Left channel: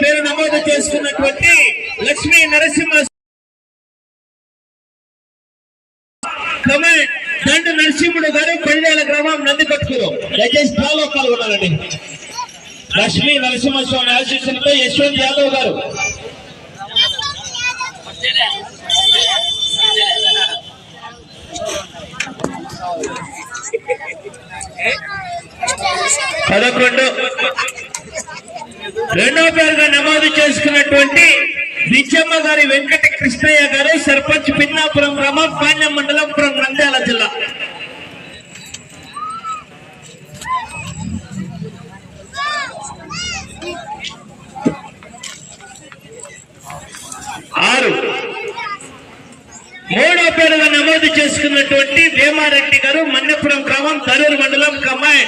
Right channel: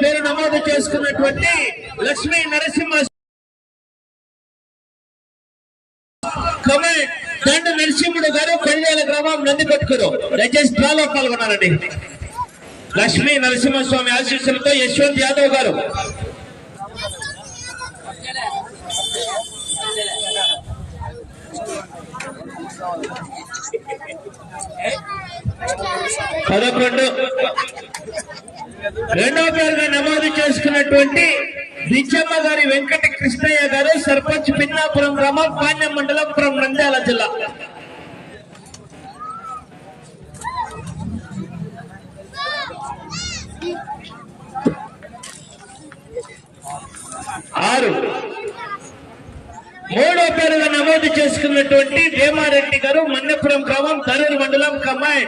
పేరు నమోదు చేసుకున్నటువంటి లక్ష్మీ నరసింహ కమెంట్ దండు నరసింహుడు గారు పల్లెల గ్రామం నందికొట్టుకులు. దయచేసి డ్రాలో పాల్గొన్నారండి లక్ష్మీ నరసింహస్వామి ఆశీస్సులతో యశ్వంత్ యాదవ్ గారు. పదకొండు. రెండో పేరుగా నమోదు చేసుకున్నటువంటి విజయమ్మ గారి వెంకట కృష్ణయ్య గారు సర్పంచ్ పిన్నాపురం గ్రామం పాణ్యం మండలం పురం నంద్యాల జిల్లా. ఆరు. మూడో పేరుగా నమోదు చేసుకున్నటువంటి వేమారెడ్డి గారు మన్నపురం గ్రామం తరూరు మండలం కమ్మాయి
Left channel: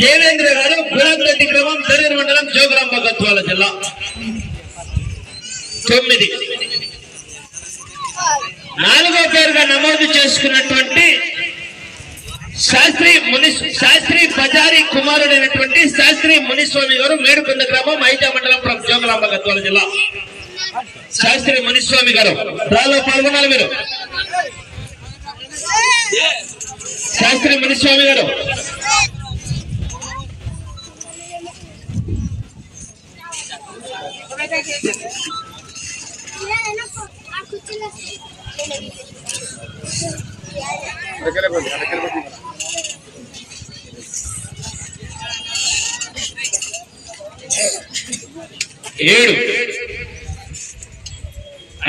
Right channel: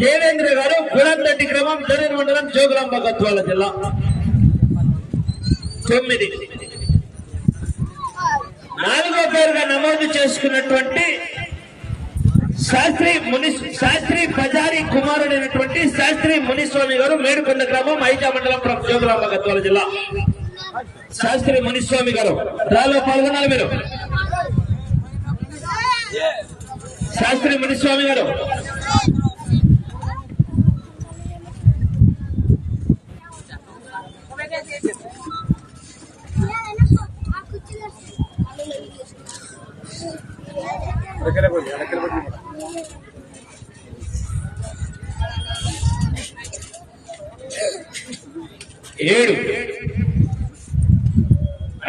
దేవేంద్ర గారు గురంరెడ్డి గ్రామం తరూరు మండలం జోగులాంబ గద్వాల జిల్లా. తొమ్మిది. నాలుగో పేరుగా నమోదు చేసుకున్నటువంటి శాస్త్రి ముని శాస్త్రి పజారి కుమారుడైనటువంటి శాస్త్రి మునిస్వామి గారు మేడుకొండ గ్రామం ఐజా మండలం జోగులాంబ గద్వాల జిల్లా. శాస్త్రి మునిస్వామి గారు రాలో పాల్గొనాలి మీరు. శాస్త్రి మునిస్వామి గారు ఏడు.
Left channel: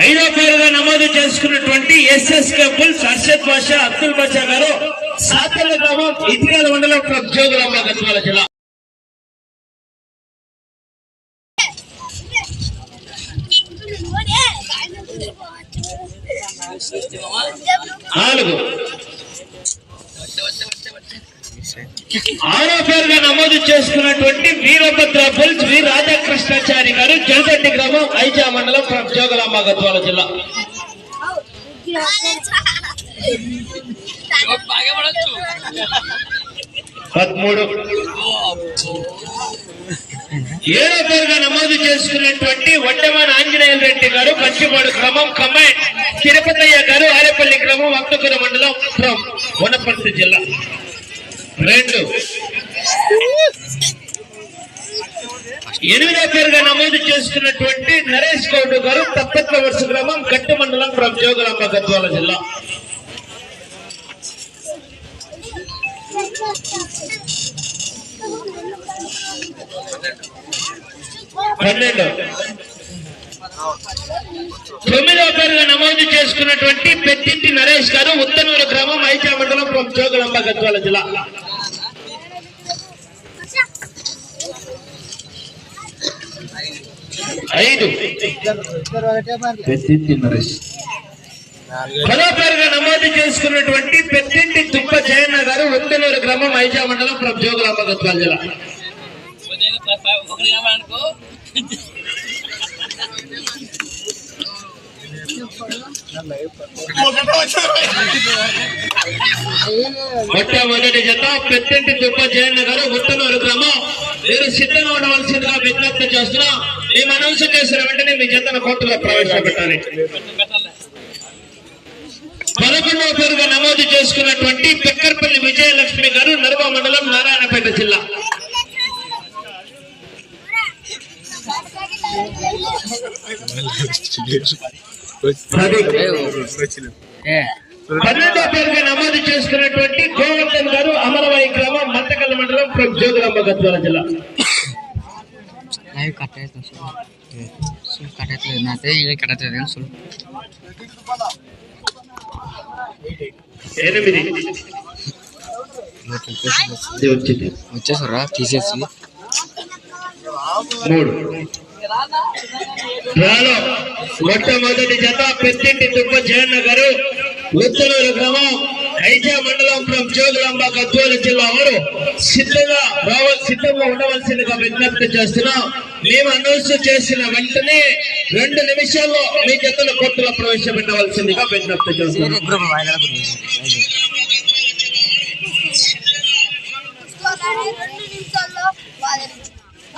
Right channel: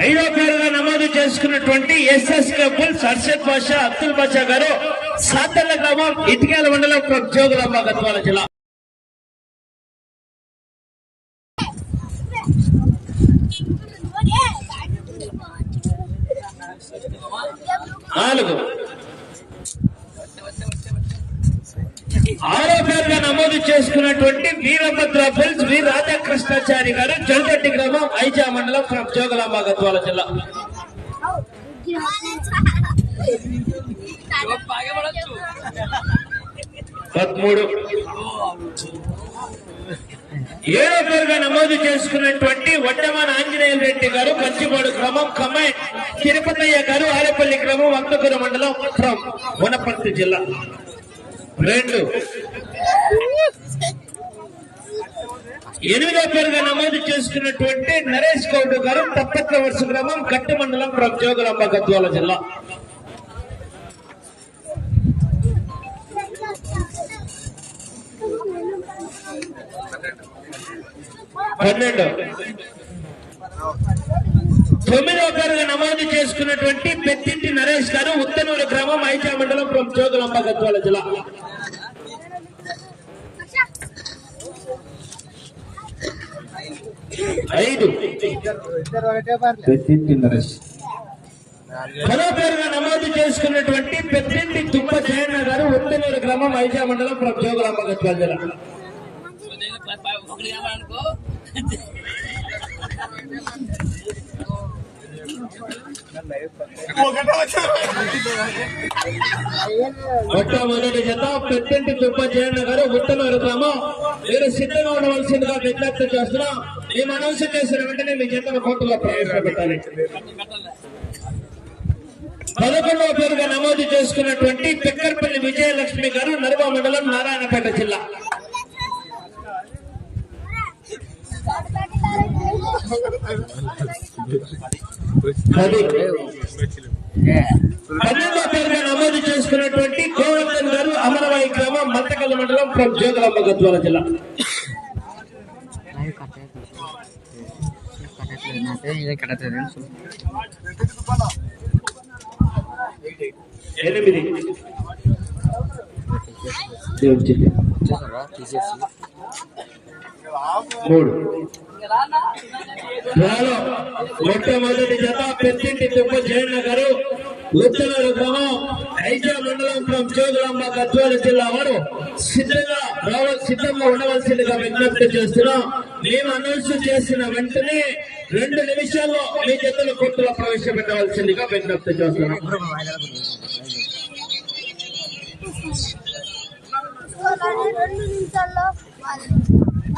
ఐదో పేరుగా నమోదు చేసుకున్నటువంటి ఎస్ఎస్ కపుల్ సర్షద్ బాషా అబ్దుల్ బాషా గారు సాతల్ల గ్రామం ఇటికల మండలం జోగులాంబ మగత్వాల జిల్లా నాలుగు. ఆరో పేరుగా నమోదు చేసుకున్నటువంటి వీరభద్ర బుల్స్ వి రాధాకృష్ణాచారి గారు జలగడ్డి గ్రామం ఐజా మండలం జోగులాంబ గద్వాల జిల్లా. పదమూడు. ఏడో పేరుగా నమోదు చేసుకున్నటువంటి వడ్డమాన ఆంజనేయుల రెడ్డి గారు పంచిపాడు గ్రామం కమాండ్ తిరుపతయ్య గారు ఆరేపల్లి గ్రామం అక్తపుర మండలం ఫ్రమ్ వనపర్తి జిల్లా. రెండు. ఎనిమిదో పేరుగా నమోదు చేసుకున్నటువంటి నరేష్ గౌడ్ గారు తప్పట్ల వరుస గ్రామం గట్టు మండలం ఫ్రమ్ జోగులాంబ గద్వాల జిల్లా. పన్నెండు. తొమ్మిదో పేరుగా నమోదు చేసుకున్నటువంటి పెద్దింటి నరేష్ గారు ఉత్తనూరు గ్రామం ఐజా మండలం జోగులాంబ గద్వాల జిల్లా. ఐదు. నరేష్. పదో పేరుగా నమోదు చేసుకున్నటువంటి పెద్దింటి తుప్ప జయన్న గారు ఉత్తనూరు గ్రామం ఐజా మండలం జోగులాంబ గద్వాల జిల్లా. ఒకటి కావాలనుకో మొట్టమొదటి జత పెద్దంటి తుప్ప జయన్న గారు ఉత్తనూరు గ్రామం. మీరు సిద్ధంగా ఉండవలసిందిగా విజ్ఞప్తి చేస్తున్నా. మేము అనౌన్సం చేసిన వెంటనే మీ జతను కోర్టులో ప్రవేశపెట్టాలి. పదకొండవ పేరుగా నమోదు చేసుకున్నటువంటి పెక్కర్పల్లి విజయలక్ష్మి గారు నర్వ మండలం నారాయణపేట జిల్లా. పన్నెండో పేరుగా నమోదు చేసుకున్నటువంటి గోవర్ధన్ గారు అమలవాయి గ్రామం మంతకల్ మండలం ఫ్రమ్ జోగులాంబ గద్వాల జిల్లా ಲೈವ್ ಕಟ್ ಆಯ್ತು ಸುಲ್ ಕಟ್ ಆಯ್ತು ಮತ್ತೆ ಈಗ ಕಟ್ ಆಯ್ತದೆ ಸುಲ್ ఎనిమిది ఇది వచ్చింది వచ్చేసారా తీసేసి మూడు డ్రాలో మొట్టమొదటి జత పెద్దింటి తుప్ప జయన్న గారు ఉత్తనూరు గ్రామం ఐజా మండలం ఫ్రం జోగులాంబ గద్వాల జిల్లా వారు సిద్ధంగా రావ సిద్ధంగా ఉండవలసిందిగా విజ్ఞప్తి చేస్తున్నాం. మేము అనౌన్స్ చేసిన వెంటనే రెండు నిమిషాల్లో మీ జతల కోర్టులో ప్రవేశపెట్టవలసిందిగా విజ్ఞప్తి చేస్తున్నాం. గ్రూప్ వాయిదాల